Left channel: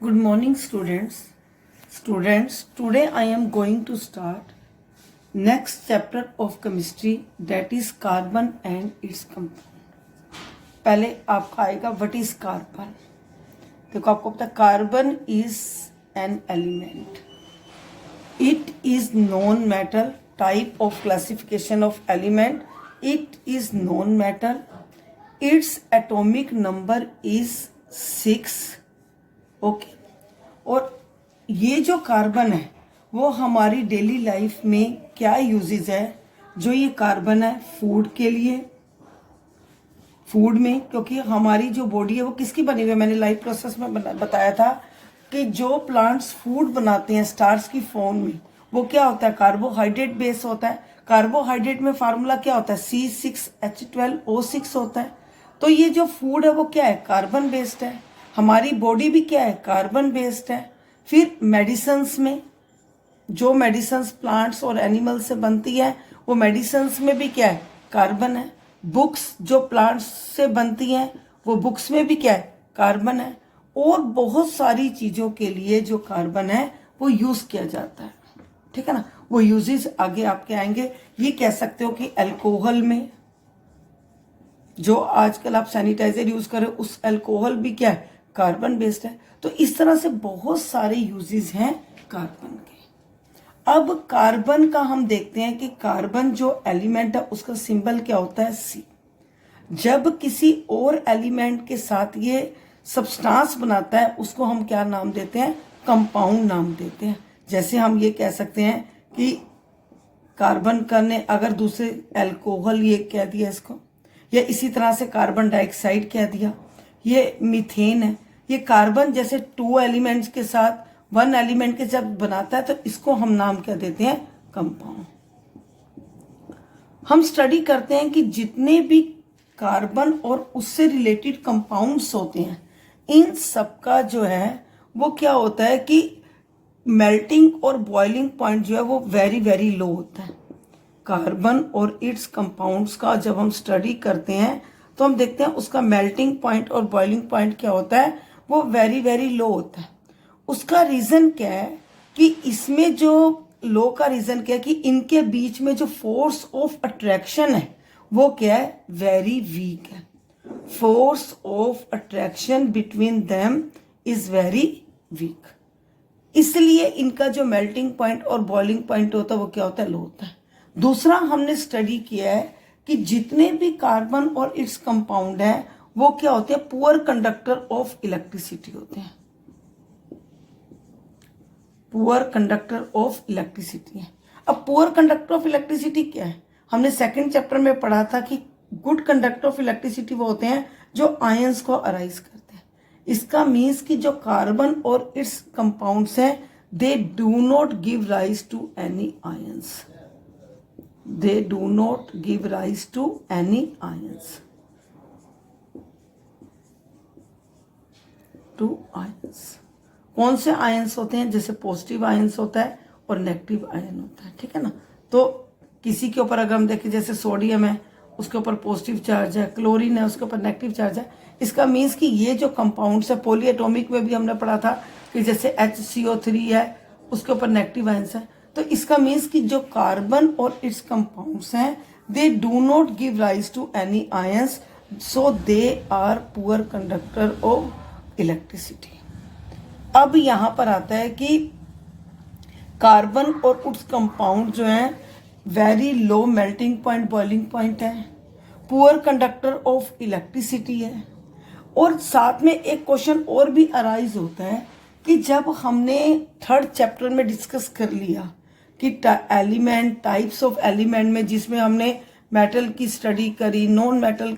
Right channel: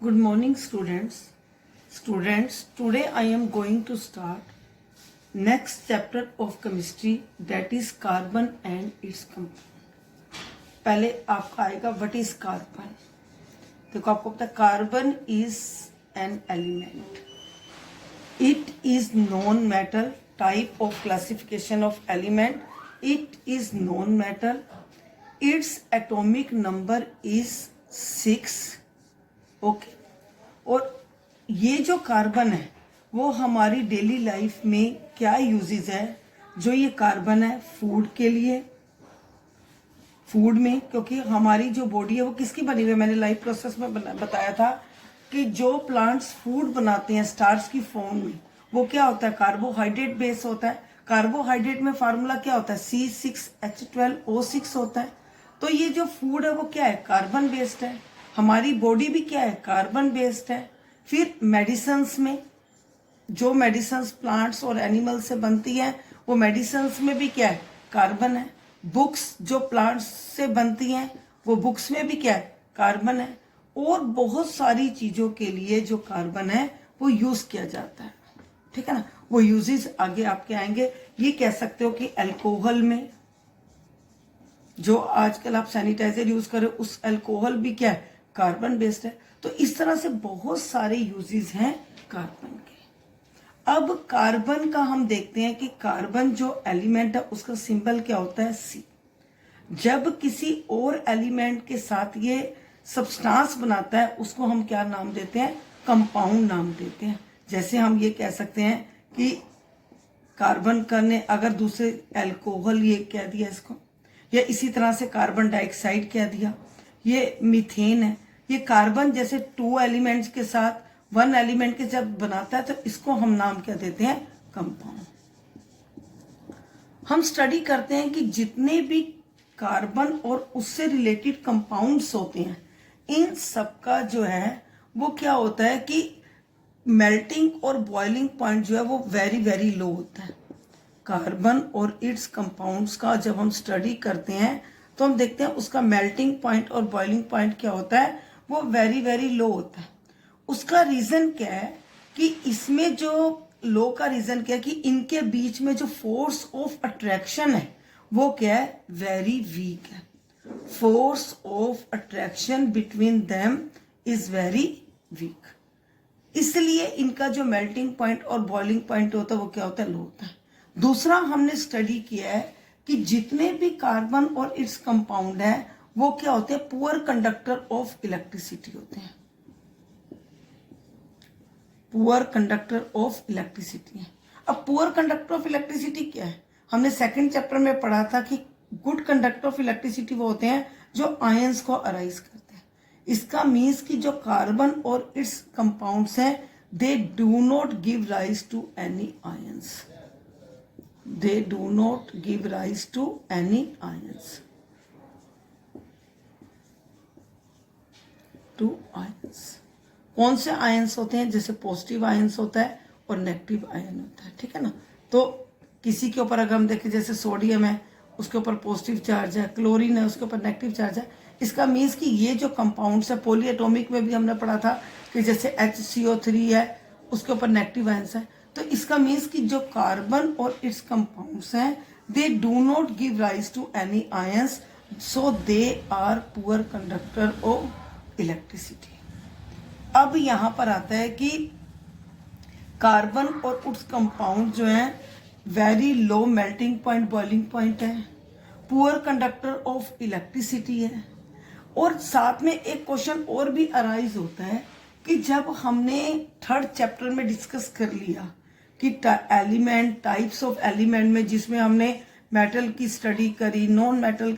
Good morning, students. Today I am going to start next chapter of chemistry, that is carbon and its compound. पहले आपका आएगा what is carbon. देखो आपको पता है carbon is an element. It is non-metal type of classification of element. It is non-metal. Its atomic number is 6. Okay और ये जो कार्बन है वो हमारी डेली लाइफ में क्या यूजेस है। जो ये कार्बन है फूड के लिए, फूड में, क्योंकि हमारी जो बॉडी है वो किसकी बनी हुई है, मैंने लाइफ प्रोसेस में बताया था कि जो प्लांट्स फूड बनाते हैं स्टार्च की फॉर्म में वो क्या होता है, कार्बोहाइड्रेट बेस होता है। कार्बोहाइड्रेट में फार्मूला क्या होता है, C6H12O6 होता है। तो ये जो फूड है वो क्या है, कार्बन बेस्ड है। हमारी बॉडी भी क्या है, कार्बन बेस्ड है। फिर मेडिसिन्स में, जो मेडिसिन्स प्लांट्स और एनिमल से बनती है वो मेडिसिन्स में भी क्या है, कार्बन है। बुक्स जो प्लांट्स से बनती हैं वो बुक्स में भी क्या है, कार्बन है। और बहुत सारी चीजों के लिए जो कार्बन है वो यूज किया जाता है, ठीक है ना। वो यूजेस आगे आपके आएंगे। ये कह सकते हो कि अल्कोहल में, जो आजकल आप सैनिटाइजर यूज करें उस अल्कोहल भी क्या है, कार्बन बेस्ड है। तो इस तरह से बहुत सारे यूजेस हैं कार्बन के। अब कार्बन का हम देखते हैं कि कार्बन जो एलिमेंट है उसका सिंबल क्या होता है, सी। जब किसी और एलिमेंट के साथ ये सब्सटेंस बनाता है उसको हम क्या नाम देते हैं, कंपाउंड नाम देते हैं। जैसे हम ये कह सकते हैं कि कार्बन का ने अगर दूसरे अल्कोहल ये कह दिया इसको, या इसी तरह से कार्बन डाइऑक्साइड कह दिया, ये मीथेन है। ये कार्बन जैसे 2 एलिमेंट्स के साथ 1 एलिमेंट के जब बनाता है तो इसको हम नाम क्या देते हैं, कंपाउंड। हम स्टडी करते हैं कि जितने भी कार्बन और उससे रिलेटेड कंपाउंड्स होते हैं इन सबका जो है वो क्या होता है कि मेल्टिंग और बॉइलिंग पॉइंट जो है वो वेरी वेरी लो होता है। कार्बन और इट्स कंपाउंड्स का जब हम स्टडी करते हैं तो हम देखते हैं उसका मेल्टिंग पॉइंट और बॉइलिंग पॉइंट क्या होता है, वो वेरी वेरी लो होता है। उसका रीजन क्या है कि इसमें जो लो का रीजन क्या है कि इनके बीच में जो फोर्स ऑफ अट्रैक्शन है वो क्या है, वेरी वीक है। Force of attraction between them is very weak, इसलिए इनका जो मेल्टिंग पॉइंट और बॉइलिंग पॉइंट होता है वो क्या होता है, लो होता है। दूसरा हमने स्टडी किया है कि जितने भी कार्बन और इट्स कंपाउंड है वो क्या होते हैं, पुअर कंडक्टर ऑफ इलेक्ट्रिसिटी होते हैं। पुअर कंडक्टर ऑफ इलेक्ट्रिसिटी है। अब पुअर कंडक्टर ऑफ इलेक्ट्रिसिटी क्या है, हमने सेकंड चैप्टर में पढ़ा था कि गुड कंडक्टर ऑफ इलेक्ट्रिसिटी वो होते हैं जो आयंस को अराइज करते हैं। इसका मीन्स कि जो कार्बन और इट्स कंपाउंड्स हैं they do not give rise to any ions. They do not give rise to any ions. To ions. कौन से आयंस होते हैं, जैसे पॉजिटिव आयंस होता है और नेगेटिव आयन होता है, ठीक है ना। तो किसी के ऊपर अगर हम देखें जैसे सोडियम है उसके ऊपर पॉजिटिव चार्ज है, क्लोरीन है उसके ऊपर नेगेटिव चार्ज है। इसका मीन्स कि ये जो कंपाउंड्स है, पॉलीएटॉमिक में भी हमने पढ़ा था कि जैसे HCO3 है उसके ऊपर नेगेटिव आयंस है। तो इसका मीन्स कि जो कार्बन और इट्स कंपाउंड्स हैं they do not give rise to any ions, so they are poor conductor of electricity. अब यहां पर आता है कि कार्बन और इट्स कंपाउंड जो है very low melting point boiling point है, पुअर कंडक्टर ऑफ इलेक्ट्रिसिटी है। और साथ में एक क्वेश्चन और भी अराइज होता है कि जब हमने थर्ड चैप्टर में डिस्कस कर लिया कि एलिमेंट, टाइप्स ऑफ एलिमेंट में, जिसमें हमने मेटल की स्टडी करी, नॉन मेटल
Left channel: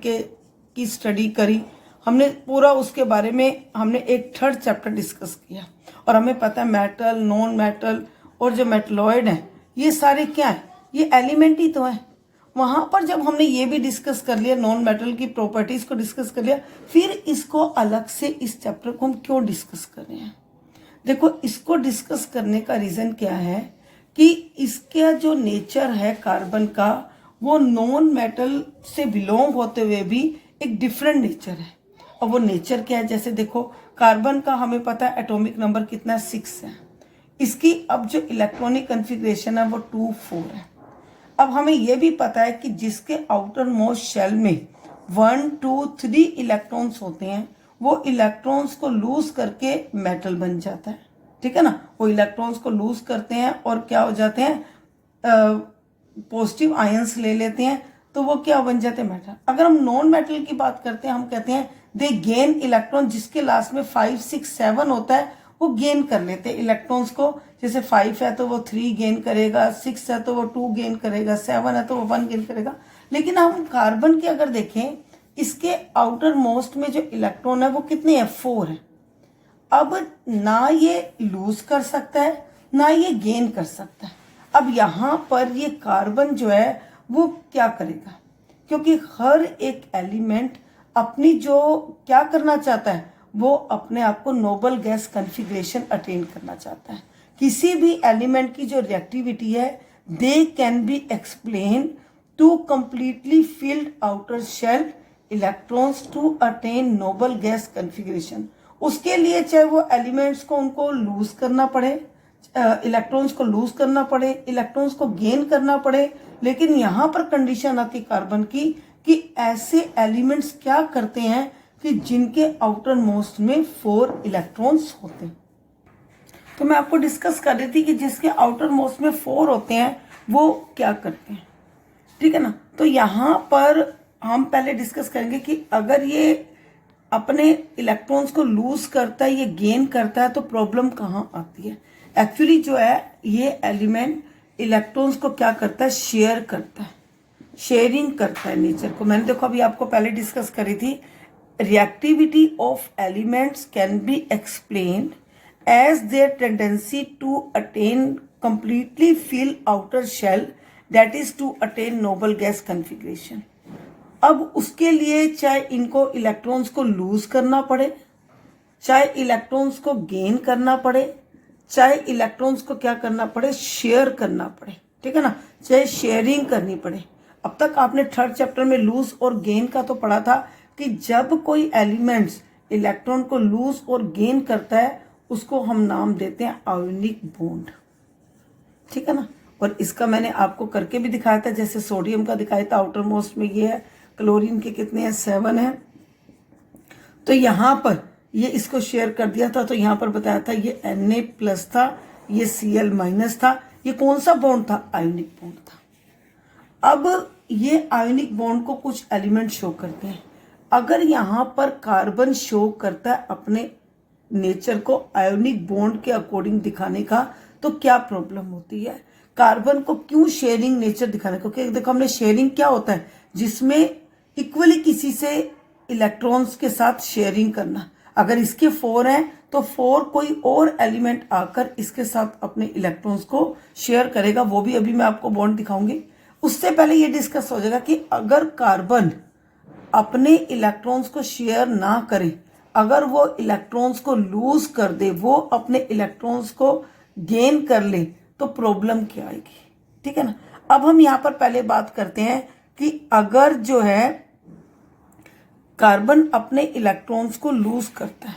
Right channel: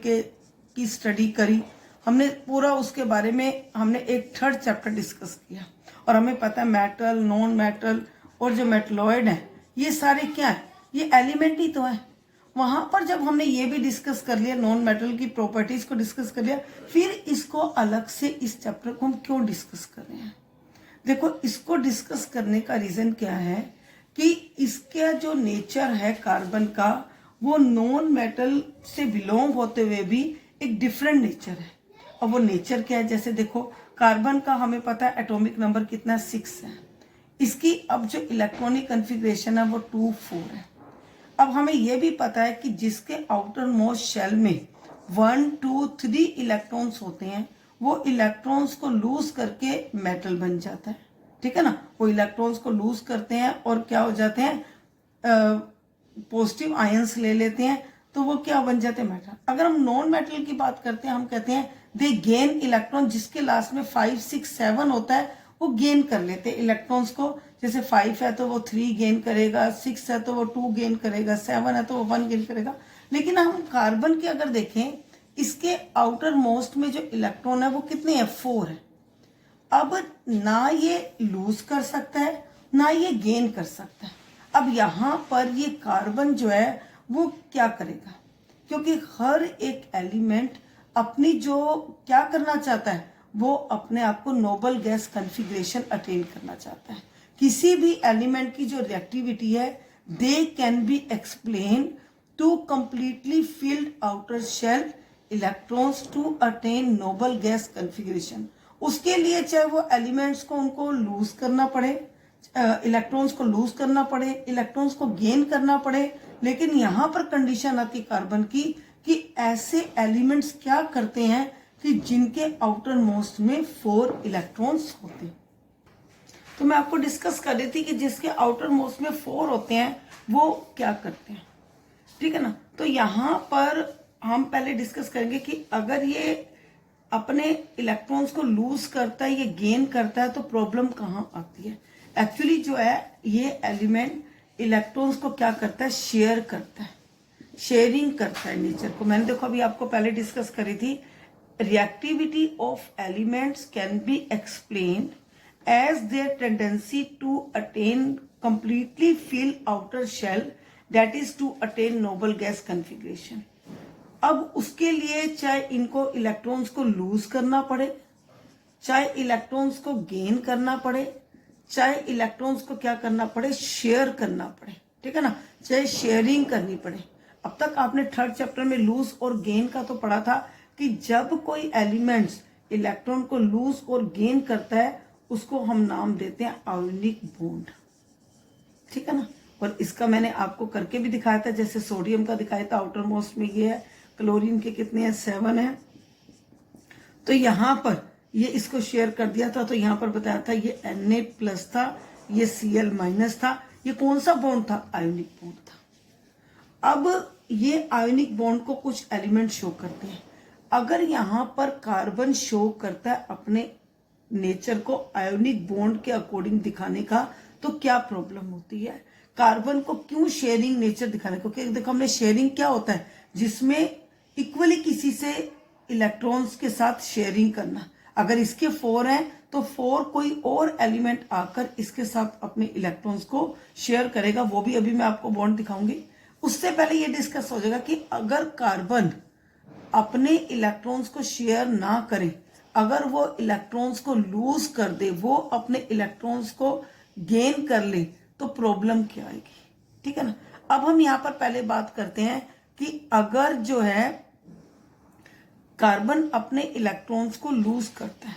की स्टडी करी, हमने पूरा उसके बारे में हमने एक थर्ड चैप्टर डिस्कस किया। और हमें पता है मेटल, नॉन मेटल और जो मेटलॉइड है ये सारे क्या है, ये एलिमेंट ही तो है। वहां पर जब हमने ये भी डिस्कस कर लिया, नॉन मेटल की प्रॉपर्टीज को डिस्कस कर लिया, फिर इसको अलग से इस चैप्टर को हम क्यों डिस्कस कर रहे हैं। देखो इसको डिस्कस करने का रीजन क्या है कि इसका जो नेचर है कार्बन का वो नॉन मेटल से बिलोंग होते हुए भी एक डिफरेंट नेचर है। और वो नेचर क्या है, जैसे देखो कार्बन का हमें पता है एटॉमिक नंबर कितना 6 है। इसकी अब जो इलेक्ट्रॉनिक कॉन्फ़िगरेशन है वो 2 4 है। अब हमें यह भी पता है कि जिसके आउटर मोस्ट शेल में 1 2 3 इलेक्ट्रॉन्स होते हैं, वो इलेक्ट्रॉन्स को लूज करके मेटल बन जाता है। ठीक है ना, वो इलेक्ट्रॉन्स को लूज करते हैं और क्या हो जाते हैं, पॉजिटिव आयंस ले लेते हैं, तो वो क्या बन जाते हैं, मेटल। अगर हम नॉन मेटल की बात करते हैं, हम कहते हैं दे गेन इलेक्ट्रॉन, जिसके लास्ट में 5 6 7 होता है वो गेन कर लेते हैं इलेक्ट्रॉन्स को। जैसे 5 है तो वो 3 गेन करेगा, 6 है तो वो 2 गेन करेगा, 7 है तो वो 1 गेन करेगा। लेकिन हम कार्बन की अगर देखें, इसके आउटर मोस्ट में जो इलेक्ट्रॉन है वो कितने हैं, 4 है। अब ना ये लूज कर सकता है ना ये गेन कर सकता है। अब यहां पर ये कार्बन जो है वो क्या करेगा, क्योंकि हर एक एलिमेंट अपनी जो क्या करना चाहता है, वो अपने आप को नोबल गैस कॉन्फ़िगरेशन अटेन करना चाहता है। किसी भी एलिमेंट की जो रिएक्टिविटी है, they can be explain to completely filled outer shell electrons to attain noble gas configuration. उसके लिए चाहे वो एलिमेंट्स को उनको लूज करना पड़े, इलेक्ट्रॉन्स को लूज करना पड़े, इलेक्ट्रॉन्स को गेन करना पड़े, लेकिन यहां पर कंडीशन आती कार्बन की कि ऐसे एलिमेंट्स क्या करते हैं कि जिनके आउटर मोस्ट में 4 इलेक्ट्रॉन्स होते हैं। तो मैं आपको डिस्कस कर रही थी कि जिसके आउटर मोस्ट में 4 होते हैं वो क्या करते हैं। ठीक है ना, तो यहां पर हम पहले डिस्कस करेंगे कि अगर ये अपने इलेक्ट्रॉन्स को लूज करता है, ये गेन करता है, तो प्रॉब्लम कहां आती है। एक्चुअली जो है ये एलिमेंट इलेक्ट्रॉन्स को क्या करता है, शेयर करता है, शेयरिंग करता है नेचर को। मैंने देखो अभी आपको पहले डिस्कस करी थी, reactivity of elements can be explained as their tendency to attain completely fill outer shell, that is to attain noble gas configuration. अब उसके लिए चाहे इनको इलेक्ट्रॉन्स को लूज करना पड़े, चाहे इलेक्ट्रॉन्स को गेन करना पड़े, चाहे इलेक्ट्रॉन्स को क्या करना पड़े, शेयर करना पड़े। ठीक है ना, चाहे शेयरिंग करनी पड़े। अब तक आपने 3rd चैप्टर में लूज और गेन का तो पढ़ा था कि जब कोई एलिमेंट्स इलेक्ट्रॉन को लूज और गेन करता है उसको हम नाम देते हैं आयोनिक बॉन्ड। ठीक है ना, और इसका मैंने आपको करके भी दिखाया था, जैसे सोडियम का दिखाया था, आउटर मोस्ट में ये है, क्लोरीन के कितने हैं, 7 है। तो यहां पर ये इसको शेयर कर दिया था, तो यहां पर बताया था ये Na+ था, ये Cl- था। ये कौन सा बॉन्ड था, आयोनिक बॉन्ड था। अब ये आयोनिक बॉन्ड को कुछ एलिमेंट शो करते हैं। अगर यहां पर कार्बन शो करता है अपने नेचर को आयोनिक बॉन्ड के अकॉर्डिंग दिखाने का, तो क्या प्रॉब्लम होती है, कार्बन को क्यों शेयरिंग नेचर दिखाने को। क्योंकि देखो हमने शेयरिंग क्या होता है, जिसमें इक्वली किसी से इलेक्ट्रॉन्स के साथ शेयरिंग करना। अगर इसके 4 हैं तो 4 कोई और एलिमेंट आकर इसके साथ अपने इलेक्ट्रॉन्स को शेयर करेगा, वो भी अभी मैं आपको बॉन्ड दिखाऊंगी। उससे पहले ये डिस्कस हो जाएगा कि अगर कार्बन अपने इलेक्ट्रॉन्स को शेयर ना करे, अगर वो इलेक्ट्रॉन्स को लूज कर दे, वो अपने इलेक्ट्रॉन्स को गेन कर ले, तो प्रॉब्लम क्या आएगी। ठीक है ना, अब हम यहां पर पहले बात करते हैं कि अगर जो है कार्बन अपने इलेक्ट्रॉन्स को लूज करता है,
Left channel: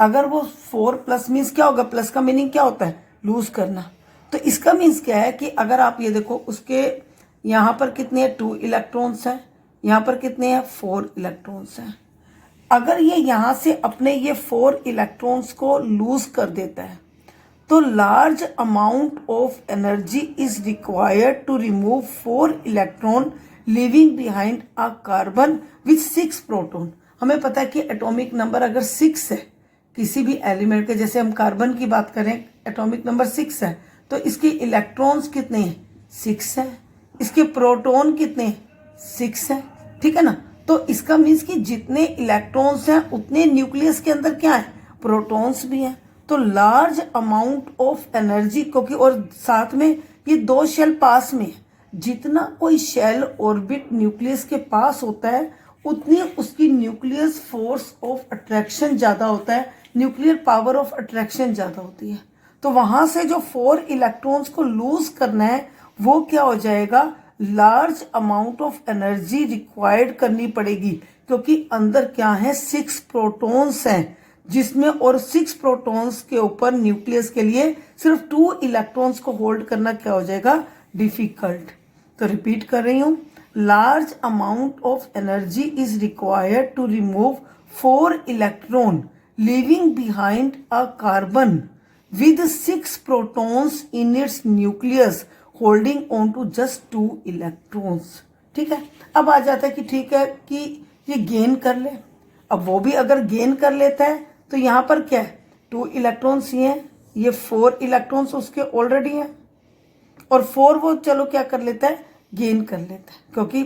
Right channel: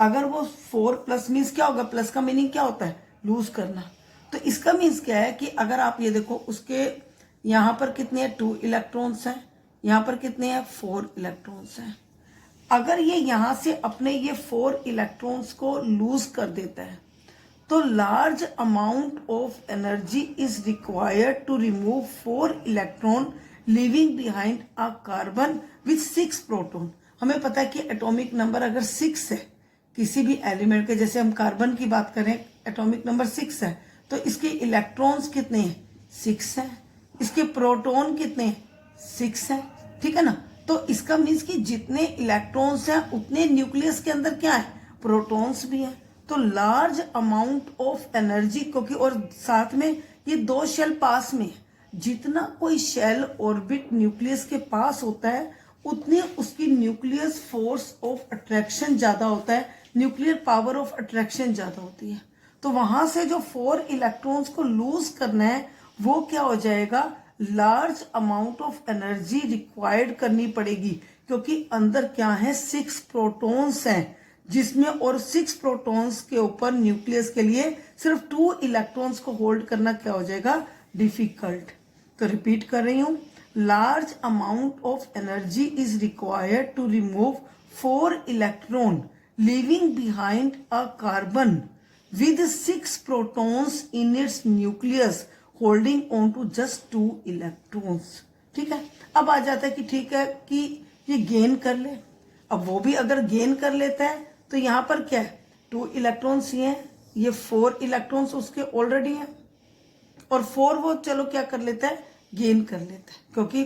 अगर वो 4+ मीन्स क्या होगा, प्लस का मीनिंग क्या होता है, लूज करना। तो इसका मीन्स क्या है कि अगर आप ये देखो, उसके यहां पर कितने हैं, 2 इलेक्ट्रॉन्स हैं, यहां पर कितने हैं, 4 इलेक्ट्रॉन्स हैं। अगर ये यहां से अपने ये 4 इलेक्ट्रॉन्स को लूज कर देता है, तो large amount of energy is required to remove 4 electron living behind a carbon with 6 proton. हमें पता है कि एटॉमिक नंबर अगर 6 है किसी भी एलिमेंट के, जैसे हम कार्बन की बात करें, एटॉमिक नंबर 6 है, तो इसके इलेक्ट्रॉन्स कितने हैं, 6 है। इसके प्रोटॉन कितने हैं, 6 है। ठीक है ना, तो इसका मीन्स कि जितने इलेक्ट्रॉन्स हैं उतने न्यूक्लियस के अंदर क्या है, प्रोटॉन्स भी हैं। तो लार्ज अमाउंट ऑफ एनर्जी, क्योंकि और साथ में ये 2 शेल पास में है, जितना कोई शेल ऑर्बिट न्यूक्लियस के पास होता है उतनी उसकी न्यूक्लियस फोर्स ऑफ अट्रैक्शन ज्यादा होता है, न्यूक्लियर पावर ऑफ अट्रैक्शन ज्यादा होती है। तो वहां से जो 4 इलेक्ट्रॉन्स को लूज करना है वो क्या हो जाएगा, large amount of energy required करनी पड़ेगी, क्योंकि अंदर क्या है, 6 प्रोटॉन्स हैं, जिसमें और 6 प्रोटॉन्स के ऊपर न्यूक्लियस के लिए सिर्फ 2 इलेक्ट्रॉन्स को होल्ड करना क्या हो जाएगा, डिफिकल्ट। तो रिपीट कर रही हूं, large amount of energy is required to remove 4 electron leaving behind a carbon with 6 protons in its nucleus holding on to just 2 electrons। ठीक है, अब आ जाता है कि ठीक है कि ये गेन कर ले। अब वो भी अगर गेन कर लेता है तो यहां पर क्या है, 2 इलेक्ट्रॉन्स ही हैं, ये 4 इलेक्ट्रॉन्स उसके ऑलरेडी हैं और 4 वो चलो क्या कर लेता है, गेन कर लेता है, क्योंकि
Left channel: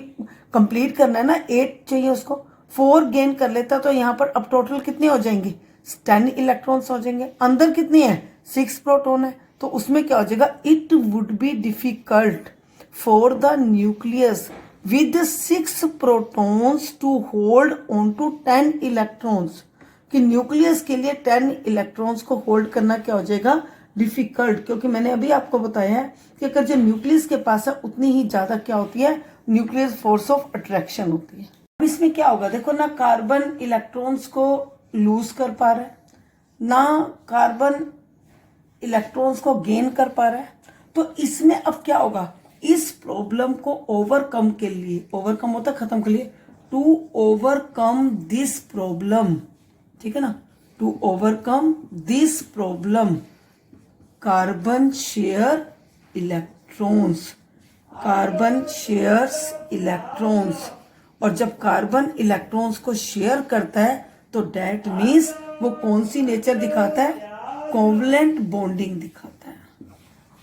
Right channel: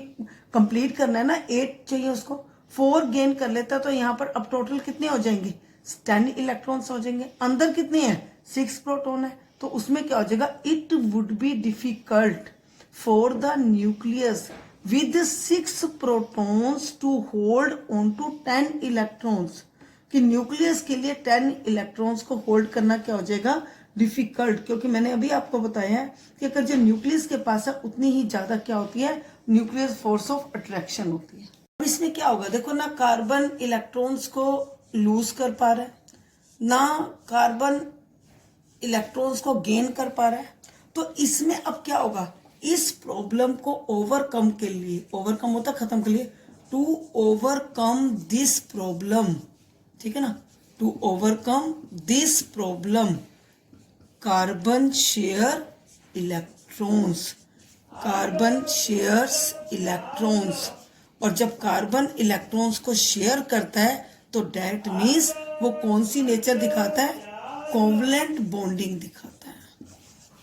कंप्लीट करना है ना, 8 चाहिए उसको, 4 गेन कर लेता है। तो यहां पर अब टोटल कितने हो जाएंगे, 10 इलेक्ट्रॉन्स हो जाएंगे। अंदर कितने हैं, 6 प्रोटॉन है, तो उसमें क्या हो जाएगा, it would be difficult for the nucleus with 6 protons to hold on to 10 electrons, कि न्यूक्लियस के लिए 10 इलेक्ट्रॉन्स को होल्ड करना क्या हो जाएगा, डिफिकल्ट। क्योंकि मैंने अभी आपको बताया है कि अगर जो न्यूक्लियस के पास है उतनी ही ज्यादा क्या होती है, न्यूक्लियस फोर्स ऑफ अट्रैक्शन होती है। अब इसमें क्या होगा, देखो ना कार्बन इलेक्ट्रॉन्स को लूज कर पा रहा है, ना कार्बन इलेक्ट्रॉन्स को गेन कर पा रहा है। तो इसमें अब क्या होगा, इस प्रॉब्लम को ओवरकम के लिए, ओवरकम होता खत्म के लिए, टू ओवरकम दिस प्रॉब्लम, ठीक है ना, to overcome this problem carbon share electrons, carbon shares electrons. और जब कार्बन इलेक्ट्रॉन्स को शेयर करता है तो डेट मीन्स वो कौन सी नेचर दिखाता है, कोवलेंट बॉन्डिंग दिखाता है।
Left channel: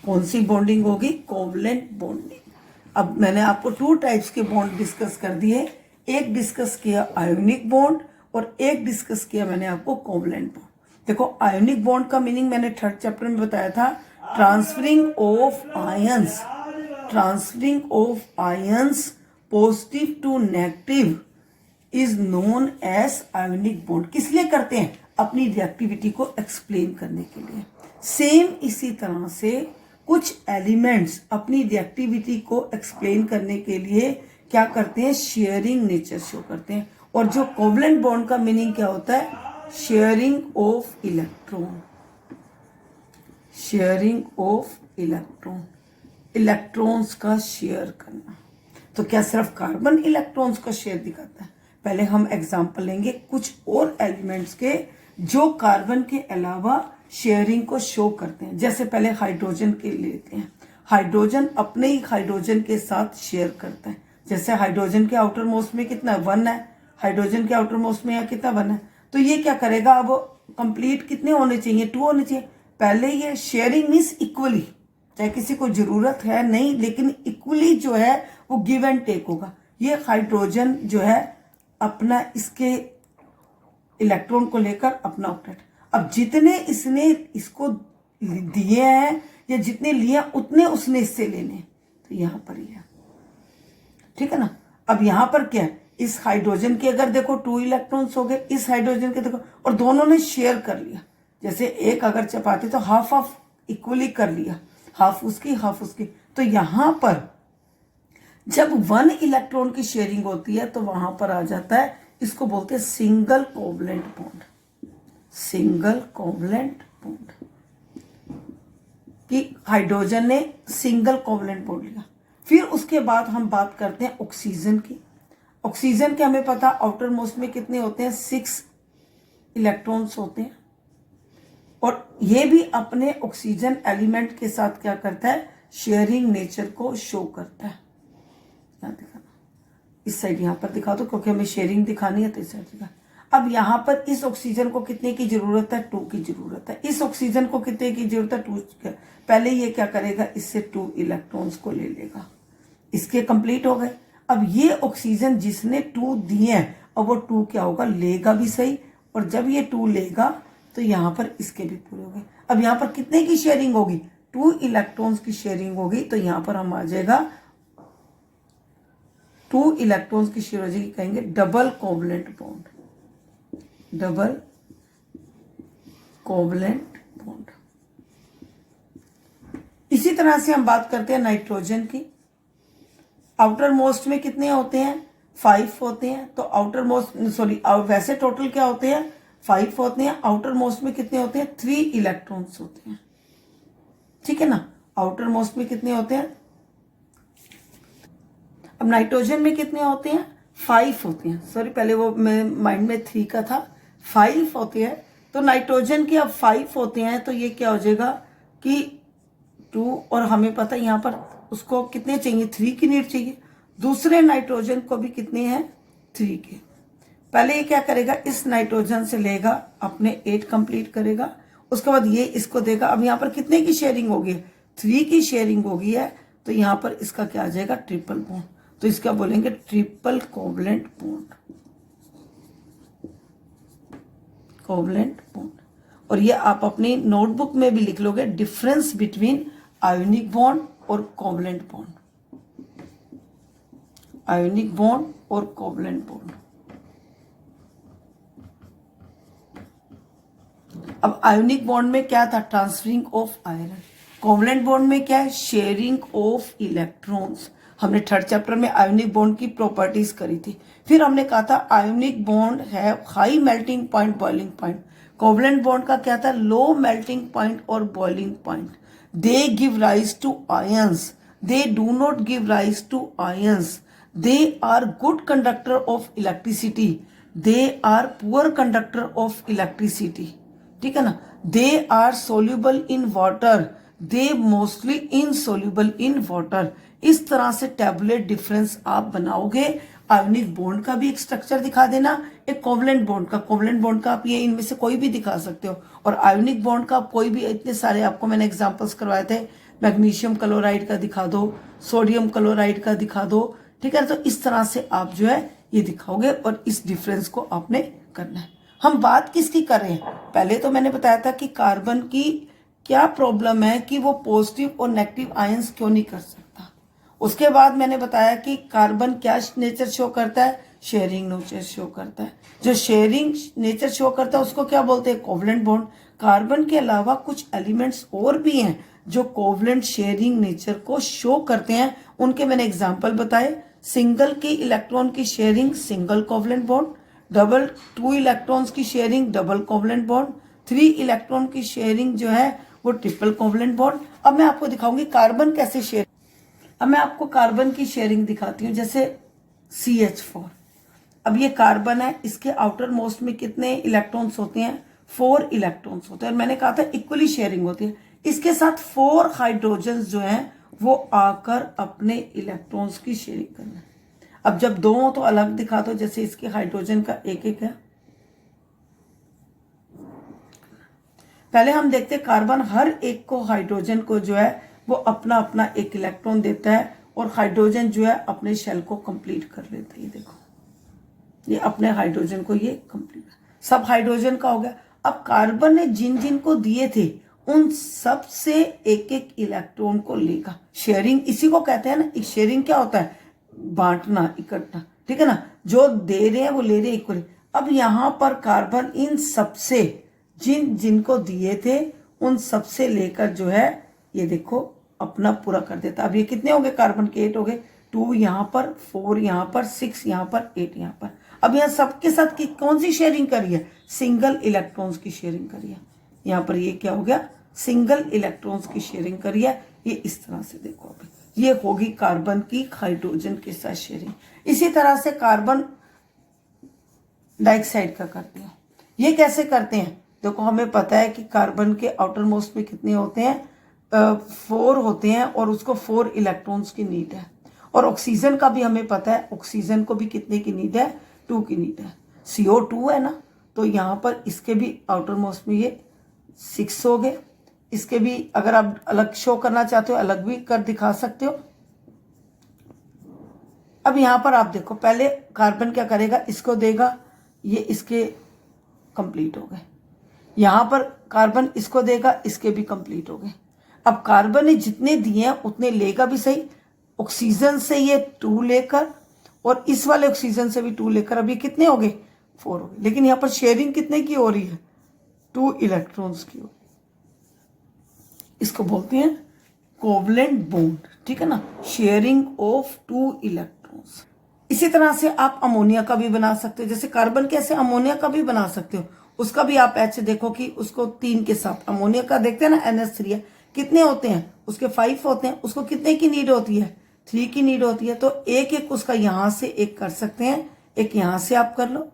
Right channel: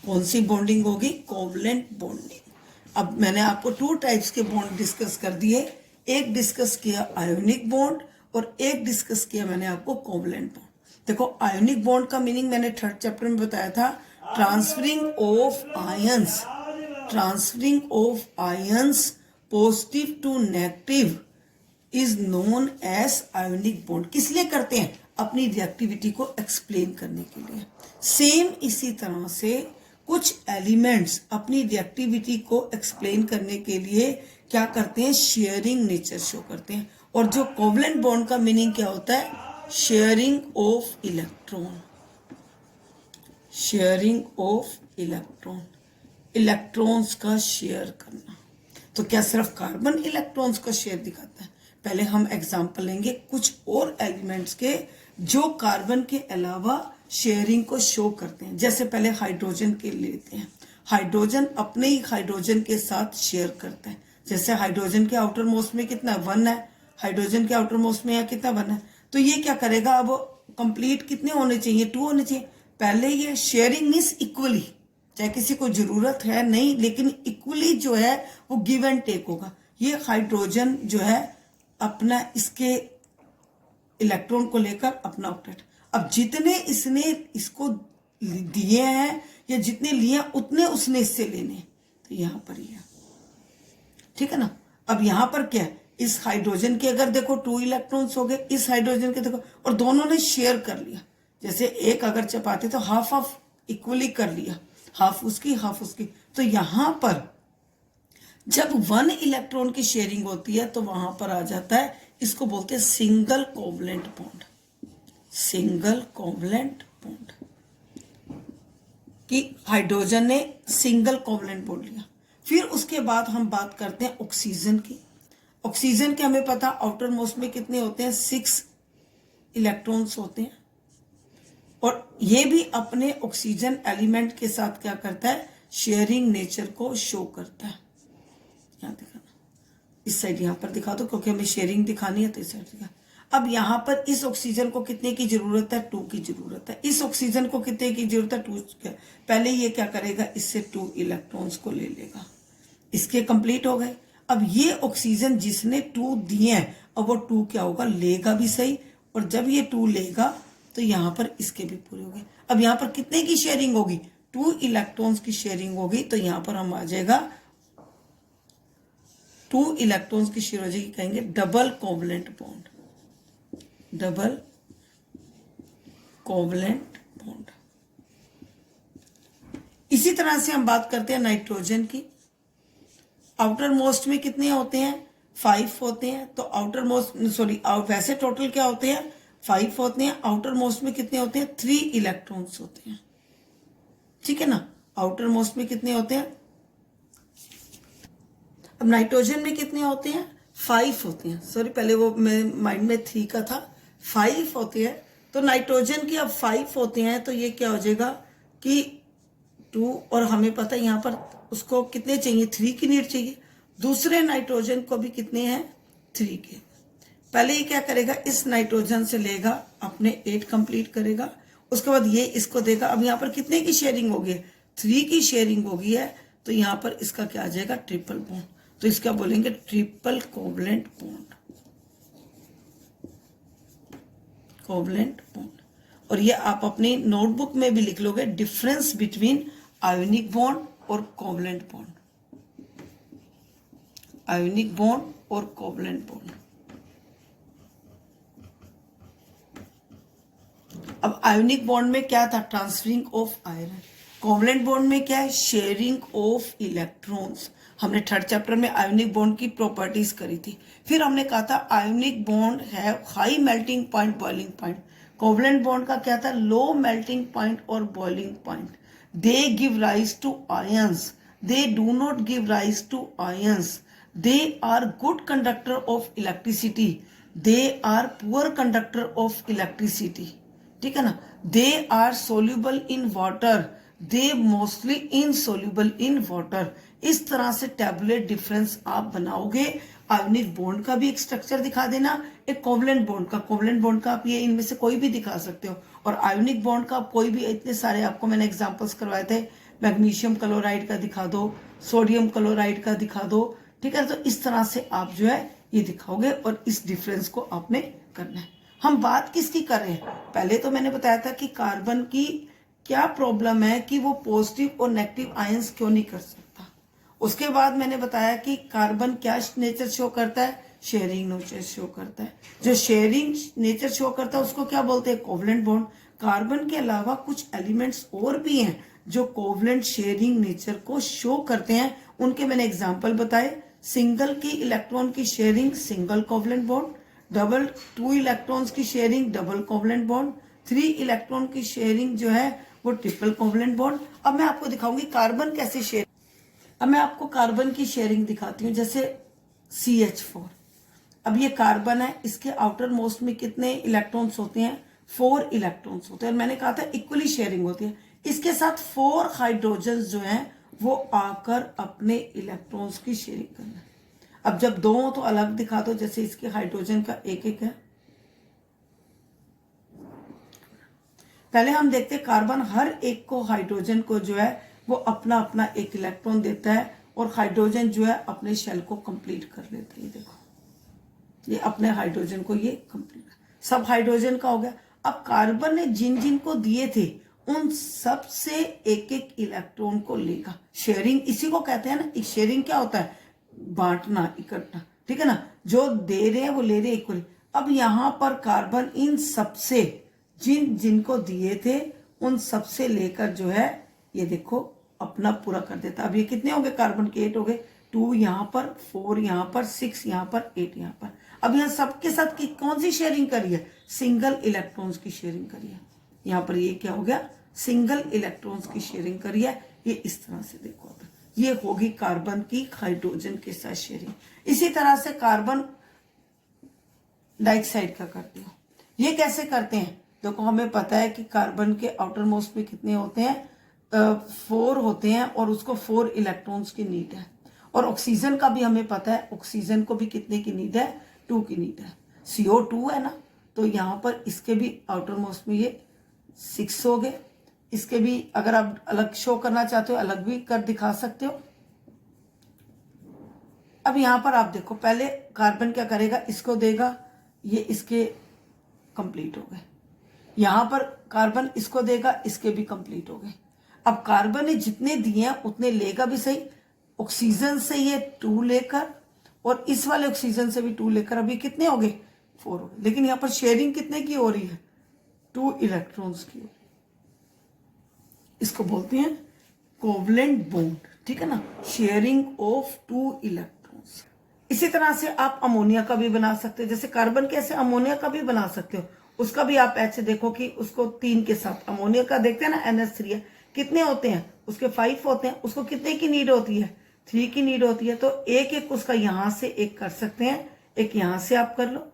कौन सी बॉन्डिंग होगी, कोवलेंट बॉन्डिंग। अब मैंने आपको 2 टाइप्स के बॉन्ड डिस्कस कर दिए, एक डिस्कस किया आयोनिक बॉन्ड और एक डिस्कस किया मैंने आपको कोवलेंट बॉन्ड। देखो आयोनिक बॉन्ड का मीनिंग मैंने 3rd चैप्टर में बताया था, transferring of ions, transferring of ions positive to negative is known as ionic bond. किस लिए करते हैं, अपनी रिएक्टिविटी को एक्सप्लेन करने के लिए। सेम इसी तरह से कुछ एलिमेंट्स अपनी रिएक्टिविटी को एक्सप्लेन करने के लिए क्या करते हैं, शेयरिंग नेचर शो करते हैं। और जो कोवलेंट बॉन्ड का मीनिंग क्या होता है, sharing of electron, sharing of electron, electrons का शेयर करना। तो क्या सिर्फ कार्बन इलेक्ट्रॉन्स का शेयर दिखाता है, पहले हम एग्जांपल लेंगे कुछ और एलिमेंट्स के जो कार्बन के अलावा शेयरिंग को शो करते हैं। जैसे पहले हाइड्रोजन के लेते हैं, हाइड्रोजन अपने ही हाइड्रोजन के साथ शेयर करता है। जैसे हाइड्रोजन के आउटर मोस्ट में कितना 1 है, हाइड्रोजन के आउटर मोस्ट में या कितना 1 है, तो ये क्या करेगा, अब कंप्लीट कितने होने चाहिए, 2 होने चाहिए। पहले ये शेयरिंग मीन्स इक्वली, चाहे किसी को जरूरत है नहीं, लेकिन इक्वली जो है वो गिव एंड टेक होगा। ये हाइड्रोजन जो है अपना इसके इलेक्ट्रॉन को लेकर अपना ऑक्टेट, अब जितने इसने इसको दिए हैं या जितने लिए उतने उसने इससे लेने, तो यहां पर ही है, ठीक है ना। अब यहां पर क्या है, इस हाइड्रोजन के अगर देखो 2 इलेक्ट्रॉन्स हो गए, इस हाइड्रोजन के देखो, और दोनों ने शेयर कर लिया। जैसे एक अगर चपाती तो हाफ हाफ इक्वली कर लिया, हाफ उसकी हाफ उसकी। तो यहां पर जब 1 इलेक्ट्रॉन की शेयरिंग होती है तो वहां पर आ जाता है, इसको बोलते हैं single covalent bond, single covalent bond, कि हाइड्रोजन ने सिंगल कोवलेंट बॉन्ड लिया। फिर उसके बाद हम बात करते हैं ऑक्सीजन की। ऑक्सीजन के हमें पता आउटर मोस्ट में कितने होते हैं, 6 इलेक्ट्रॉन्स होते हैं। और ये भी अपने ऑक्सीजन एलिमेंट के साथ क्या करता है, शेयरिंग नेचर को शो करता है। यहाँ दिखाना, इस साइड यहाँ पर दिखा दो क्योंकि हमें शेयरिंग दिखानी है, तो इस साइड दिखा। अब यहाँ पर इस ऑक्सीजन को कितने की जरूरत है, 2 की जरूरत है। इस ऑक्सीजन को कितने की जरूरत है, 2। पहले ये क्या करेगा, इससे 2 इलेक्ट्रॉन्स को ले लेगा, इसके कंप्लीट हो गए। अब ये ऑक्सीजन जिसने 2 दिए हैं, अब वो 2 क्या होगा, लेगा भी सही, और जब ये 2 लेगा तो यहां पर इसके भी पूरे हो गए। अब यहां पर कितने की शेयरिंग होगी, 2 इलेक्ट्रॉन्स की शेयरिंग होगी। तो यहां पर हम आ जाएगा 2 इलेक्ट्रॉन्स की शेयर हो जाएगी, कहेंगे double covalent bond, double covalent bond. इसी तरह से हम बात करते हैं नाइट्रोजन की। आउटर मोस्ट में कितने होते हैं, 5 होते हैं। तो आउटर मोस्ट वैसे टोटल क्या होते हैं, 5 होते हैं, आउटर मोस्ट में कितने होते हैं 3 इलेक्ट्रॉन्स होते हैं, ठीक है ना। आउटर मोस्ट में कितने होते हैं, अब नाइट्रोजन में कितने होते हैं 5 होते हैं, सॉरी पहले वो मेरे माइंड में 3 का था, 5 होते हैं। तो नाइट्रोजन के अब 5 होते हैं तो ये क्या हो जाएगा कि 2, और हमें पता है यहाँ पर उसको कितने चाहिए 3 की नीड चाहिए, दूसरे नाइट्रोजन को भी कितने हैं 3 के। पहले ये क्या करेगा, इस नाइट्रोजन से लेगा अपने 8 कंप्लीट करेगा, उसके बाद ये इसको देगा। अब यहाँ पर कितने की शेयरिंग होगी, 3 की शेयरिंग होगी है, तो यहाँ पर इसका क्या आ जाएगा ट्रिपल बॉन्ड, तो इसका बोलेंगे triple covalent bond, covalent bond. और ये आप अपनी नोटबुक में भी लिख लोगे, डिफरेंस बिटवीन आयोनिक बॉन्ड और कोवलेंट बॉन्ड, आयोनिक बॉन्ड और कोवलेंट बॉन्ड। अब आयोनिक बॉन्ड में क्या था, transferring of iron, covalent bond में क्या है, शेयरिंग ऑफ इलेक्ट्रॉन्स। हमने थर्ड चैप्टर में आयोनिक बॉन्ड की प्रॉपर्टीज करी थी, फिर हमने कहा था आयोनिक बॉन्ड है high melting point, boiling point. Covalent bond का क्या था, लो मेल्टिंग पॉइंट और boiling point. They give rise to ions, they do not give rise to ions, they are good conductor of electricity, they are poor conductor of electricity, ठीक है ना। They are soluble in water, they mostly insoluble in water. इस तरह से tabulate difference आप बनाओगे। Ionic bond का भी एक स्ट्रक्चर दिखा देना, एक कोवलेंट बॉन्ड का, कोवलेंट बॉन्ड का आप ये इनमें से कोई भी दिखा सकते हो, और आयोनिक बॉन्ड का कोई भी, इतने सारे आपको मैंने एग्जांपल्स करवाए थे, मैग्नीशियम क्लोराइड का दिखा दो, सोडियम क्लोराइड का दिखा दो, ठीक है। तो इस तरह से आप जो है ये दिखाओगे और इस डिफरेंस को आपने करना है। हम बात किसकी कर रहे हैं, पहले तो मैंने बताया था कि कार्बन की क्या प्रॉब्लम है कि वो पॉजिटिव और नेगेटिव आयंस क्यों नहीं कर सकता। उसके बाद मैंने बताया कि कार्बन क्या नेचर शो करता है, शेयरिंग नेचर शो करता है। जो शेयरिंग नेचर शो करता है उसको क्या बोलते हैं, कोवलेंट बॉन्ड। कार्बन के अलावा कुछ एलिमेंट्स और भी हैं जो कोवलेंट शेयरिंग नेचर को शो करते हैं, उनके मैंने एग्जाम्पल बताए। सिंगल की इलेक्ट्रॉन की sharing single covalent bond, double 2 electrons की sharing double covalent bond, 3 electron की शेयरिंग जो है वो ट्रिपल कोवलेंट बॉन्ड। अब मैं आपको दिखाऊंगी कार्बन कैसे शेयर, अब मैं आपको कार्बन की शेयरिंग दिखाती हूँ, जैसे CH4। अब ये कार्बन है, इसके आउटर मोस्ट में कितने इलेक्ट्रॉन्स होते हैं, 4 इलेक्ट्रॉन्स होते हैं। मैंने कहा था इक्वली शेयरिंग होती है। इसके साथ 4 हाइड्रोजन जो है वो आकर अपने इलेक्ट्रॉन्स की शेयरिंग करना है। अब जब 2 हो तो अलग दिखा दो, जैसे इसके हाइड्रोजन का एक एक है। पहले हम देखते कार्बन हर एक को, हाइड्रोजन को जो है वो अपना अपना एक इलेक्ट्रॉन देता है, और हाइड्रोजन जो है अपने शेल को कंप्लीट कर लेता है। ये देखो, ये अपने हाइड्रोजन को ये कंप्लीट, सब हाइड्रोजन का हो गया। अब कार्बन ने जिन जिन को दिए थे उन सब से एक एक इलेक्ट्रॉन को लेगा। शेयरिंग इसी को कहते हैं ना, शेयरिंग क्या होता है, बांटना, इकट्ठा, ठीक है ना। जो दे रहे हैं वो ले रहे हैं इक्वली। अब यहां पर कार्बन इन सबसे जिन जिनको दिए थे उन सबसे लेकर जो है ये देखो अपना पूरा कर देता। अब ये कितने हो गए, कार्बन के 8 हो गए, 2 यहां पर, 4 यहां पर, 6 यहां पर, 8 यहां पर। अब यहां सबके साथ की कौन सी शेयरिंग करी है, सिंगल इलेक्ट्रॉन्स की शेयरिंग करी है। यहां पर ये क्या हो गया, सिंगल इलेक्ट्रॉन्स की शेयरिंग करी है। ये इस तरह से देखो, अब ये होगी कार्बन की हाइड्रोजन के साथ शेयरिंग। इसी तरह से कार्बन डाइऑक्साइड का करते हैं। ये कैसे करते हैं, देखो हमें पता है कि कार्बन के आउटर मोस्ट में कितने होते हैं, 4 होते हैं, और उसको 4 इलेक्ट्रॉन्स की नीड है। और ऑक्सीजन का भी हमें पता है, ऑक्सीजन को भी कितने की नीड है, 2 की नीड है। CO2 है ना, तो यहां पर इसके भी आउटर मोस्ट में ये 6 हो गए। इसके भी अगर आप अलग शो करना चाहते हो अलग भी कर दिखा सकते हो। अब यहां पर आप देखो, पहले कार्बन क्या करेगा, इसको देगा, ये इसके कंप्लीट हो गए। यहां पर कार्बन इसको देगा, इसके भी कंप्लीट हो गए। अब कार्बन ने जितने दिए हैं उतने लेगा भी सही, ऑक्सीजन से ये 2 लेकर, और इस वाले ऑक्सीजन से भी 2 लेकर, अब ये कितने हो गए, 4 हो गए। लेकिन यहां पर शेयरिंग कितने की हो रही है, 2 इलेक्ट्रॉन्स की। इसको बोलते हैं कोवलेंट बॉन्ड, ठीक है ना, शेयरिंग ऑफ 2 इलेक्ट्रॉन्स। इसी तरह से आप अमोनिया का भी बना सकते हो, जैसे कार्बन कैसे अमोनिया का भी बना सकते हो। उसका भी आप ऐसे देखो कि उसको 3 के साथ, अमोनिया का देखते हैं ना NH3 है, कितने होते हैं उसके 5 होते हैं, उसको कितने की नीड होती है 3 की नीड होती है। तो एक एक उसका यहां से एक कर सकते हैं, एक यहां से आप कर लो,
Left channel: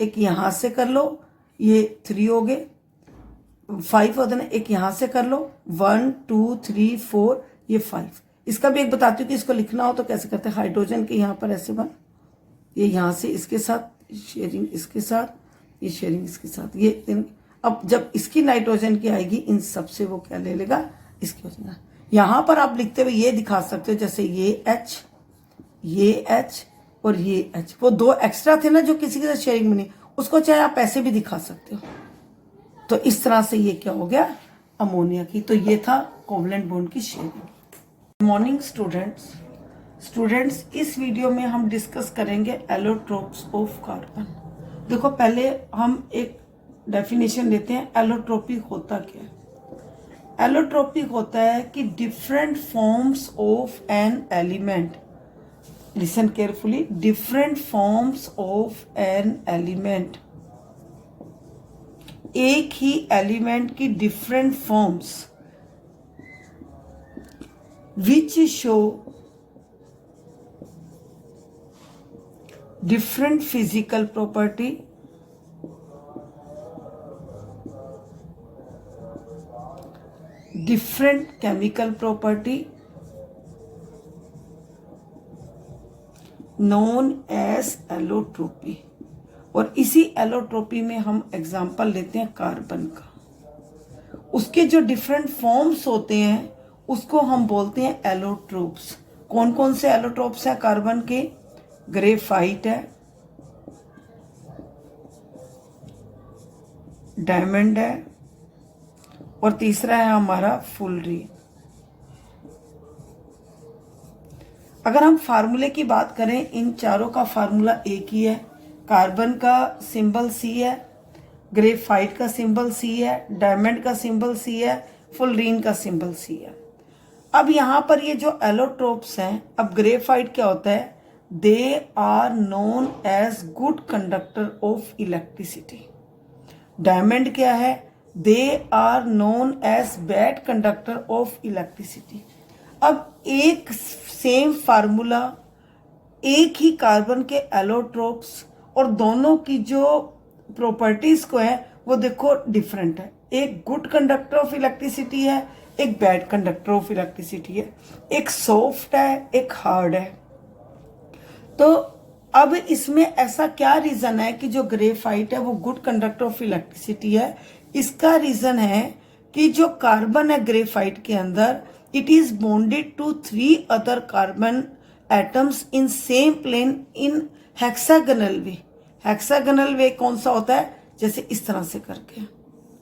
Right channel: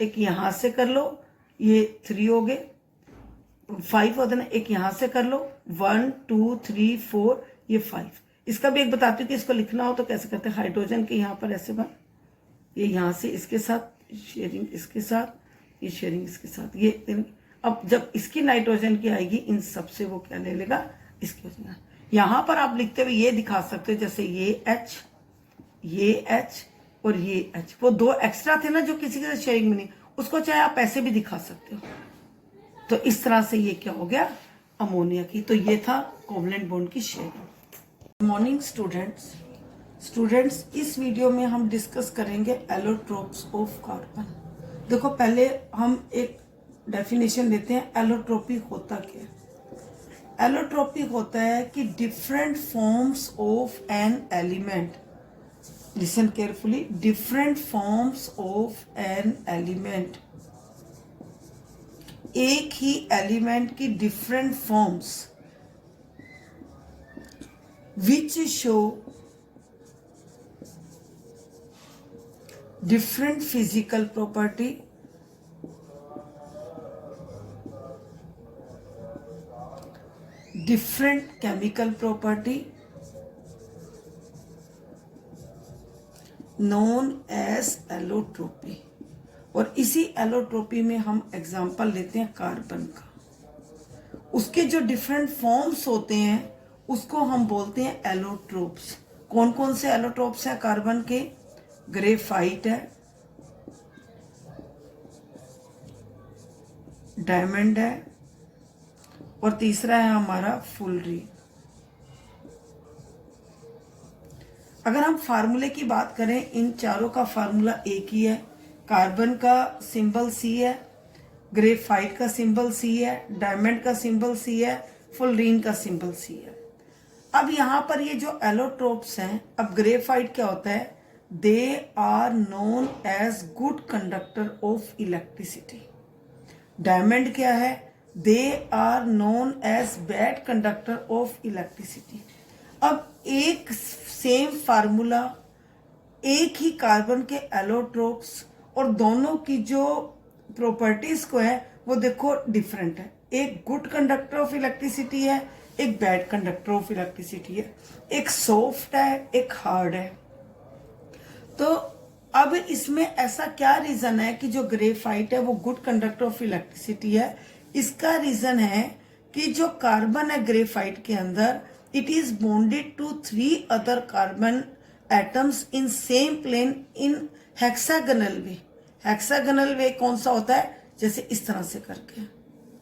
एक यहां से कर लो, ये 3 हो गए, 5 होते ना, एक यहां से कर लो, 1 2 3 4, ये 5। इसका भी एक बताती हूँ कि इसको लिखना हो तो कैसे करते हैं। हाइड्रोजन के यहां पर ऐसे बन, ये यहां से इसके साथ शेयरिंग, इसके साथ ये शेयरिंग, इसके साथ ये। अब जब इसकी नाइट्रोजन की आएगी इन सबसे वो क्या ले लेगा, इसकी हो जाएगा। यहां पर आप लिखते हुए ये दिखा सकते हो, जैसे ये H और ये H, वो 2 एक्स्ट्रा थे ना जो किसी के साथ शेयरिंग में नहीं, उसको चाहे आप ऐसे भी दिखा सकते हो। तो इस तरह से ये क्या हो गया, अमोनिया की। तो ये था कोवलेंट बॉन्ड की शेयरिंग। मॉर्निंग स्टूडेंट्स, इस वीडियो में हम डिस्कस करेंगे एलोट्रोप्स ऑफ कार्बन। देखो पहले हम एक डेफिनेशन लेते हैं, एलोट्रोपी होता क्या है। एलोट्रोपी होता है कि different forms of an element, listen carefully, different forms of an element, एक ही एलिमेंट की different forms which show different physical property, different chemical property known as allotropy। और इसी एलोट्रोपी में हम एग्जाम्पल लेते हैं कार्बन का। उसके जो डिफरेंट फॉर्म्स होते हैं उसको हम बोलते हैं एलोट्रोप्स। कौन कौन से एलोट्रोप्स हैं कार्बन के, ग्रेफाइट है, डायमंड है, और तीसरा है हमारा फुलरीन। अगर हम फार्मूले की बात करें, इन चारों का फार्मूला एक ही है। कार्बन का सिंबल C है, ग्रेफाइट का सिंबल C है, डायमंड का सिंबल C है, फुलरीन का सिंबल C है। अब यहां पर ये जो एलोट्रोप्स हैं, अब ग्रेफाइट क्या होता है, they are known as good conductor of electricity. Diamond क्या है, they are known as bad conductor of electricity. अब एक सेम फार्मूला, एक ही कार्बन के एलोट्रोप्स, और दोनों की जो प्रॉपर्टीज को है वो देखो डिफरेंट है। एक गुड कंडक्टर ऑफ इलेक्ट्रिसिटी है, एक बैड कंडक्टर ऑफ इलेक्ट्रिसिटी है, एक सॉफ्ट है, एक हार्ड है। तो अब इसमें ऐसा क्या रीजन है कि जो ग्रेफाइट है वो गुड कंडक्टर ऑफ इलेक्ट्रिसिटी है। इसका रीजन है कि जो कार्बन है ग्रेफाइट के अंदर, it is bonded to 3 other carbon atoms in same plane in hexagonal way. Hexagonal way कौन सा होता है, जैसे इस तरह से करके,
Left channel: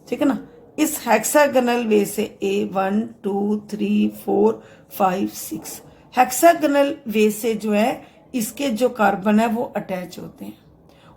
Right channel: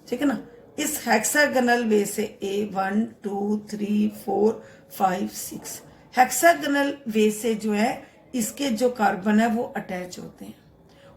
ठीक है ना, इस हेक्सागोनल वे से A1 2 3 4 5 6 हेक्सागोनल वे से जो है इसके जो कार्बन है वो अटैच होते हैं,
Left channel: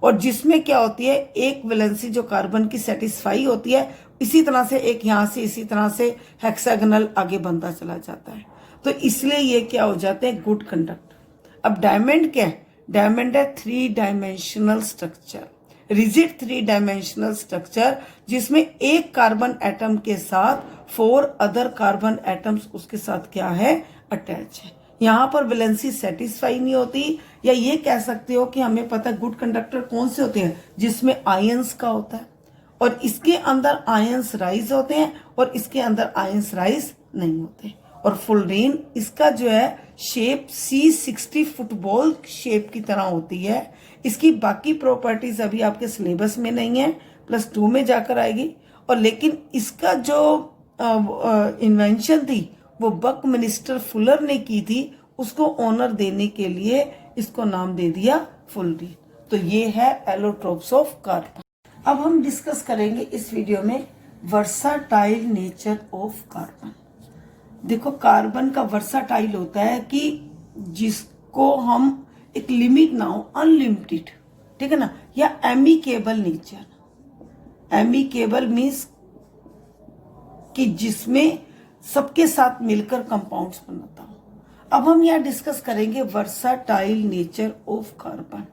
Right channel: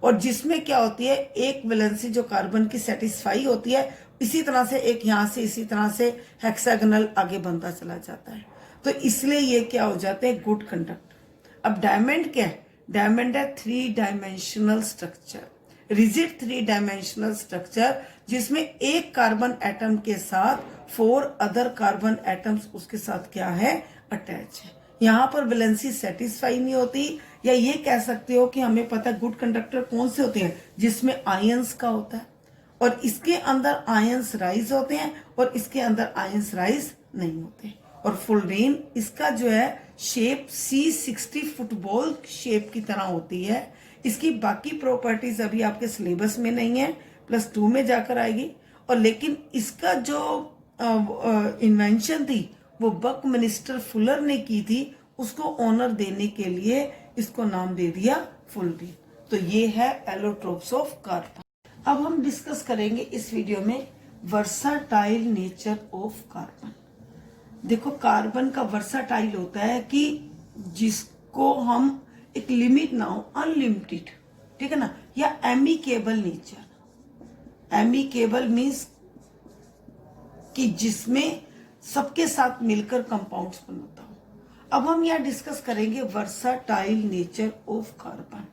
और जिसमें क्या होती है, एक वैलेंसी जो कार्बन की सेटिस्फाई होती है, इसी तरह से एक यहां से इसी तरह से हेक्सागोनल आगे बनता चला जाता है। तो इसलिए ये क्या हो जाते हैं, गुड कंडक्टर। अब डायमंड क्या है, डायमंड है 3 dimensional structure, rigid 3 dimensional structure, जिसमें एक कार्बन एटम के साथ 4 अदर कार्बन एटम्स उसके साथ क्या है, अटैच है। यहां पर वैलेंसी सेटिस्फाई नहीं होती, या ये कह सकते हो कि हमें पता है गुड कंडक्टर कौन से होते हैं, जिसमें आयंस का होता है, और इसके अंदर आयंस राइज होते हैं और इसके अंदर आयंस राइज नहीं होते। और फुलरीन, इसका जो है शेप C60 फुटबॉल शेप की तरह होती है। इसकी बाकी प्रॉपर्टीज अभी आपके सिलेबस में नहीं है, +2 में जाकर आएगी। और लेकिन इसका जो इन्वेंशन थी वो बकमिनिस्टर फुलर ने की थी, उसको ऑनर देने के लिए इसको नाम दे दिया फुलरीन। तो ये है एलोट्रोप्स ऑफ कार्बन। अब हम डिस्कस करेंगे इस वीडियो में वर्साटाइल नेचर ऑफ कार्बन। देखो कार्बन का वर्साटाइल होता है कि जिसको हम एक लिमिट ना हो, अनलिमिटेड, ठीक है ना, या एमिकेबल नेचर। एमिकेबल मीन्स कि जिसमें सबके साथ मिलकर कंपाउंड्स बनाता हो। अब हम यहाँ डिस्कस करेंगे वर्साटाइल नेचर ऑफ कार्बन।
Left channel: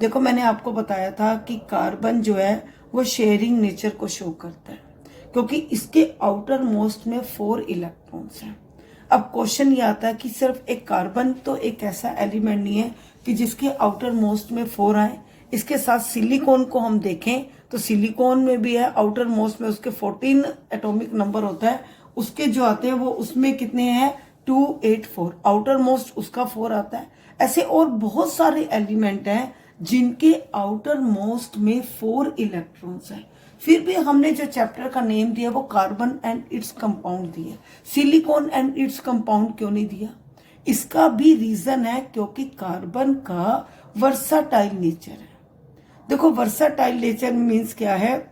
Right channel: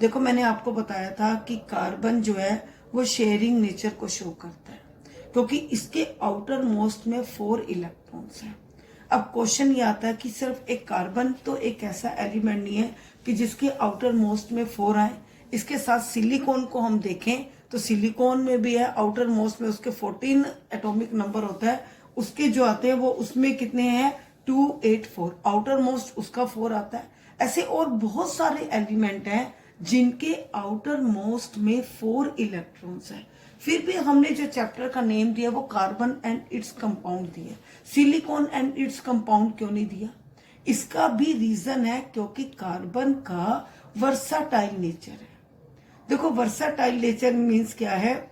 देखो मैंने आपको बताया था कि कार्बन जो है वो शेयरिंग नेचर को शो करता है, क्योंकि इसके आउटर मोस्ट में 4 इलेक्ट्रॉन्स हैं। अब क्वेश्चन ये आता है कि सिर्फ एक कार्बन तो एक ऐसा एलिमेंट नहीं है कि जिसके आउटर मोस्ट में 4 आए। इसके साथ सिलिकॉन को हम देखें तो सिलिकॉन में भी है, आउटर मोस्ट में उसके 14 एटॉमिक नंबर होता है, उसके जो आते हैं वो उसमें कितने हैं 284, आउटर मोस्ट उसका 4 आता है। ऐसे और बहुत सारे एलिमेंट हैं जिनके आउटर मोस्ट में 4 इलेक्ट्रॉन्स हैं। फिर भी हमने जो चैप्टर का नेम दिया वो कार्बन एंड इट्स कंपाउंड दिया, सिलिकॉन एंड इट्स कंपाउंड क्यों नहीं दिया? इसका भी रीजन है क्योंकि कार्बन का वर्साटाइल नेचर है। देखो वर्साटाइल नेचर मीन्स क्या है,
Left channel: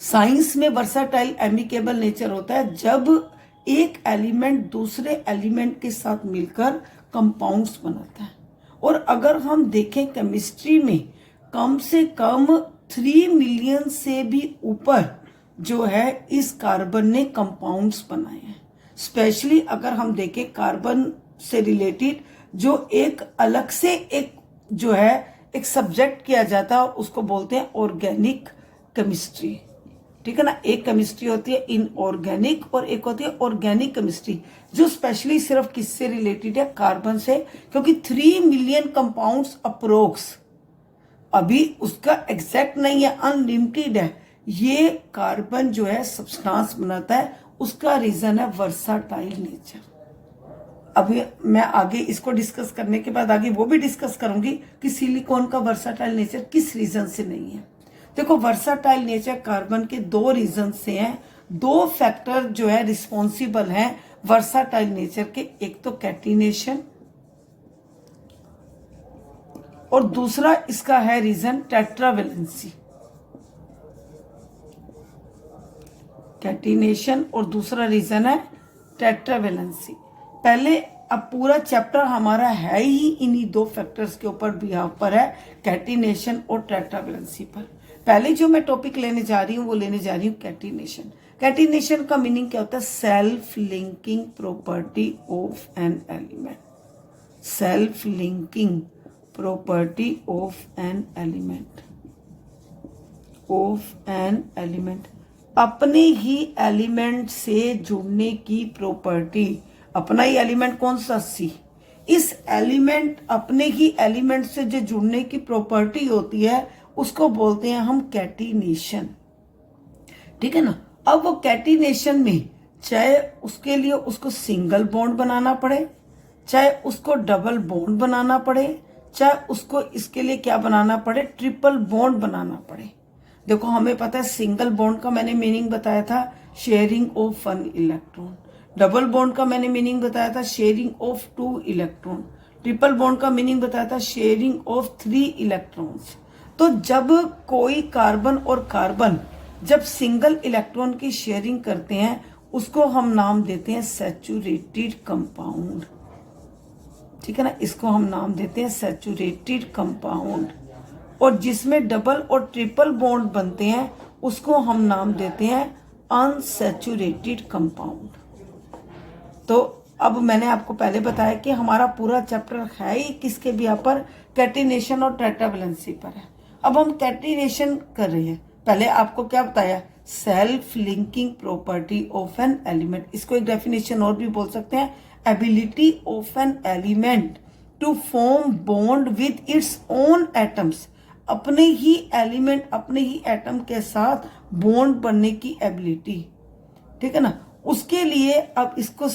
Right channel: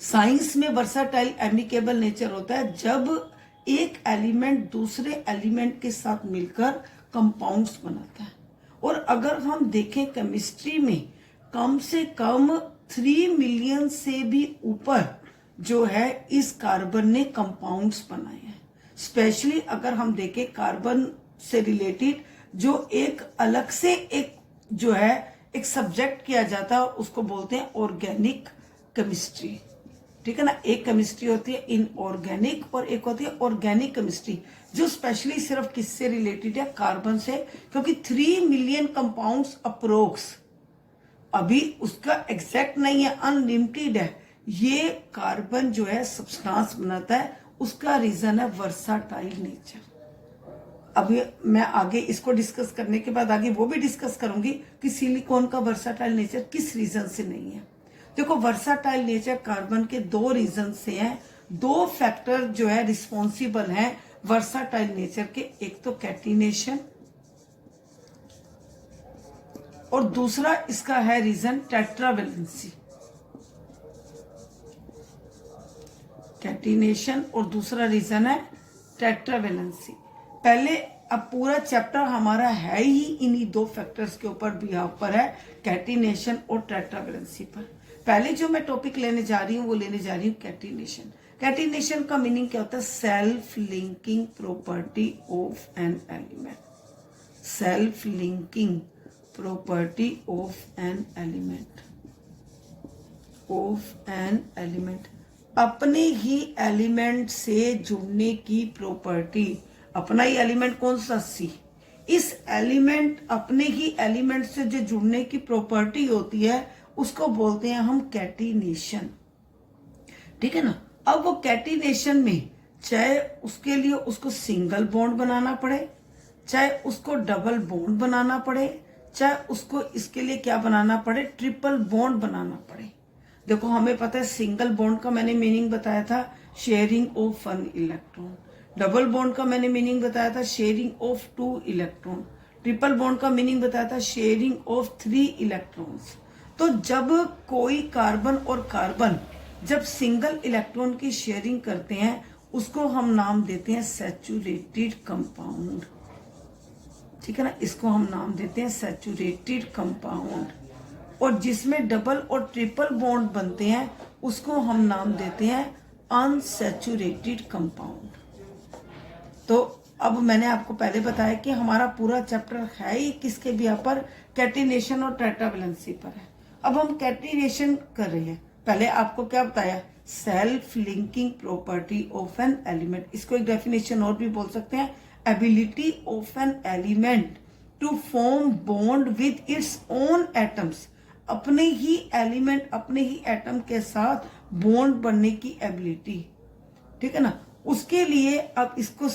साइंस में वर्साटाइल एमिकेबल नेचर होता है जब एक एलिमेंट दूसरे एलिमेंट के साथ मिलकर कंपाउंड्स बनाता है। और अगर हम देखें केमिस्ट्री में कम से कम 3 मिलियन से भी ऊपर जो है इस कार्बन ने कंपाउंड्स बनाए हैं। स्पेशली अगर हम देखें कार्बन से रिलेटेड जो एक अलग से एक जो है एक सब्जेक्ट किया जाता है और उसको बोलते हैं ऑर्गेनिक केमिस्ट्री। ठीक है ना, एक केमिस्ट्री होती है इनऑर्गेनिक और एक होती है ऑर्गेनिक केमिस्ट्री, जो स्पेशली सिर्फ किससे रिलेटेड है, कार्बन से, क्योंकि 3 मिलियन कंपाउंड्स अप्रोक्स, अभी उसका एग्जैक्ट नहीं है, अनलिमिटेड है, ये कार्बन जो है सब्सटेंस बनाता है। उसका रीजन है वर्साटाइल नेचर। अभी मैं आगे इसको डिस्कस करने के बाद आगे वो भी डिस्कस करूंगी कि सिलिकॉन का वर्साटाइल नेचर किस रीजन से नहीं है। देखो वर्साटाइल नेचर कार्बन के 2 रीजन से हैं, 2 फैक्टर जो है रिस्पॉन्सिबल हैं वर्साटाइल नेचर के, एक तो कैटिनेशन और दूसरा इसका है रीजन टेट्रावेलेंसी। कैटिनेशन और दूसरा रीजन है टेट्रावेलेंसी। पहले अब पूरा चैप्टर हमारा है ही इन्हीं 2 फैक्टर्स के ऊपर भी यहाँ पर है, कैटिनेशन और टेट्रावेलेंसी पर। पहले जो मैं टॉपिक लेने जा रही हूँ वो लेने जा रही हूँ कैटिनेशन। कैटिनेशन का मीनिंग क्या होता है, self linking property of an element. Self linking property of an element, of an element, अपने ही एलिमेंट से जुड़ने की प्रॉपर्टी। अपना ही एलिमेंट कौन सा, सी, इस एलिमेंट अपने ही एलिमेंट से जो जुड़ने की प्रॉपर्टी होती है उसको बोलते हैं हम कैटिनेशन। ठीक है ना। अब वो कैटिनेशन में चाहे उसके लिए उसको सिंगल बॉन्ड बनाना पड़े, चाहे उसको डबल बॉन्ड बनाना पड़े, चाहे उसको इसके लिए क्या बनाना पड़े, ट्रिपल बॉन्ड बनाना पड़े। देखो हमें पता है सिंगल बॉन्ड का मैंने मीनिंग बताया था sharing of 1 electron, double bond का मैंने मीनिंग बताया था sharing of 2 electron, triple bond का मीनिंग बताया था शेयरिंग ऑफ 3 इलेक्ट्रॉन्स। तो जब कोई कार्बन और कार्बन जब सिंगल इलेक्ट्रॉन की शेयरिंग करते हैं उसको हम नाम देते हैं सैचुरेटेड कंपाउंड। ठीक है ना, इसको हम नाम देते हैं सैचुरेटेड कंपाउंड। और जिसमें डबल और ट्रिपल बॉन्ड बनते हैं उसको हम नाम देते हैं अनसैचुरेटेड कंपाउंड। तो अब मैंने आपको पहले बताया कि हमारा पूरा चैप्टर है ही किसके भी यहाँ पर, कैटिनेशन और टेट्रावेलेंसी पर है। अब हम कैटिनेशन कर रहे हैं। पहले आपको क्या बताया, self linking property of an element. इसको एक डेफिनेशन और भी बोल सकते हैं, ability of an element to form bond with its own atoms. अपने ही एलिमेंट अपने ही एटम के साथ बॉन्ड बनने की एबिलिटी। ठीक है ना, उसके लिए अब इसको